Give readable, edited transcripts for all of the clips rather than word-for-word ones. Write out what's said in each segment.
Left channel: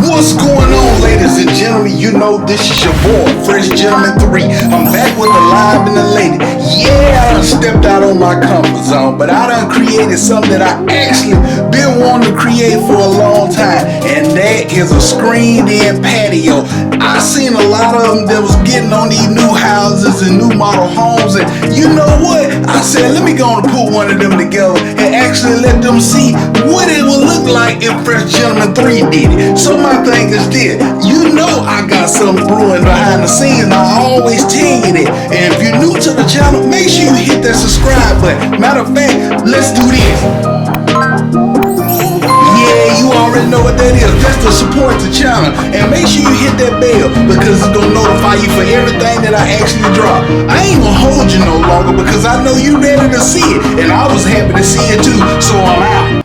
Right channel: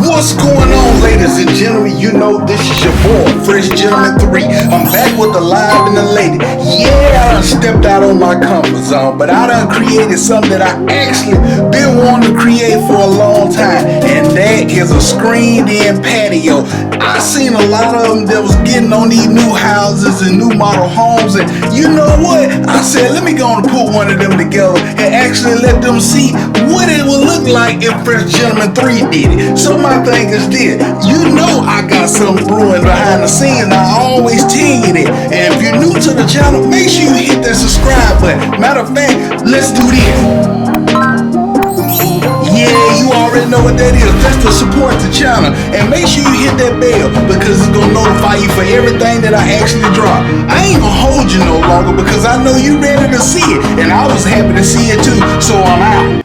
What's going on, ladies and gentlemen? You know this is your boy, Fresh Gentleman 3. I'm back with the live and the lady. Yeah, I done stepped out on my comfort zone, but I done created something that I actually been wanting to create for a long time, and that is a screened-in patio. I seen a lot of them that was getting on these new houses and new model homes, and you know what? I said, let me go and put one of them together and actually let them see what it would look like if Fresh Gentleman 3 did it. So my thing is this, you know I got something brewing behind the scenes, and I always tell you that. And if you're new to the channel, make sure you hit that subscribe button. Matter of fact, let's do this. Yeah, you already know what that is. That's to support the channel. And make sure you hit that bell, because it's gonna notify you for everything that I actually drop. I ain't gonna hold you no longer because I know you ready to see it, and I was happy to see it too, so I'm out.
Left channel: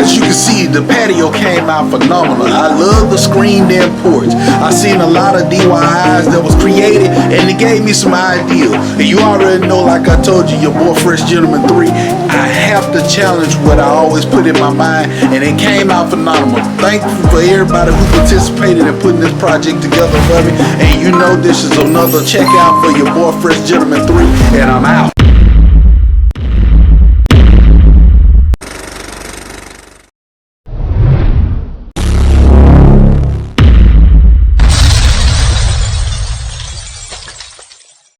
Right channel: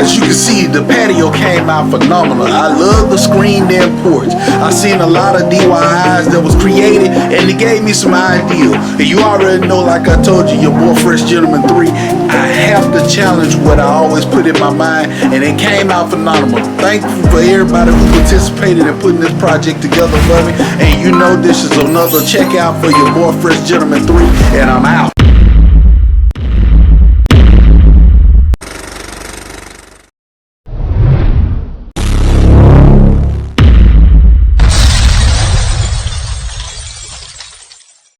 As you can see, the patio came out phenomenal. I love the screened-in porch. I seen a lot of DIYs that was created, and it gave me some ideas. And you already know, like I told you, your boy Fresh Gentleman 3, I have to challenge what I always put in my mind, and it came out phenomenal. Thank you for everybody who participated in putting this project together for me. And you know this is another checkout for your boy Fresh Gentleman 3, and I'm out.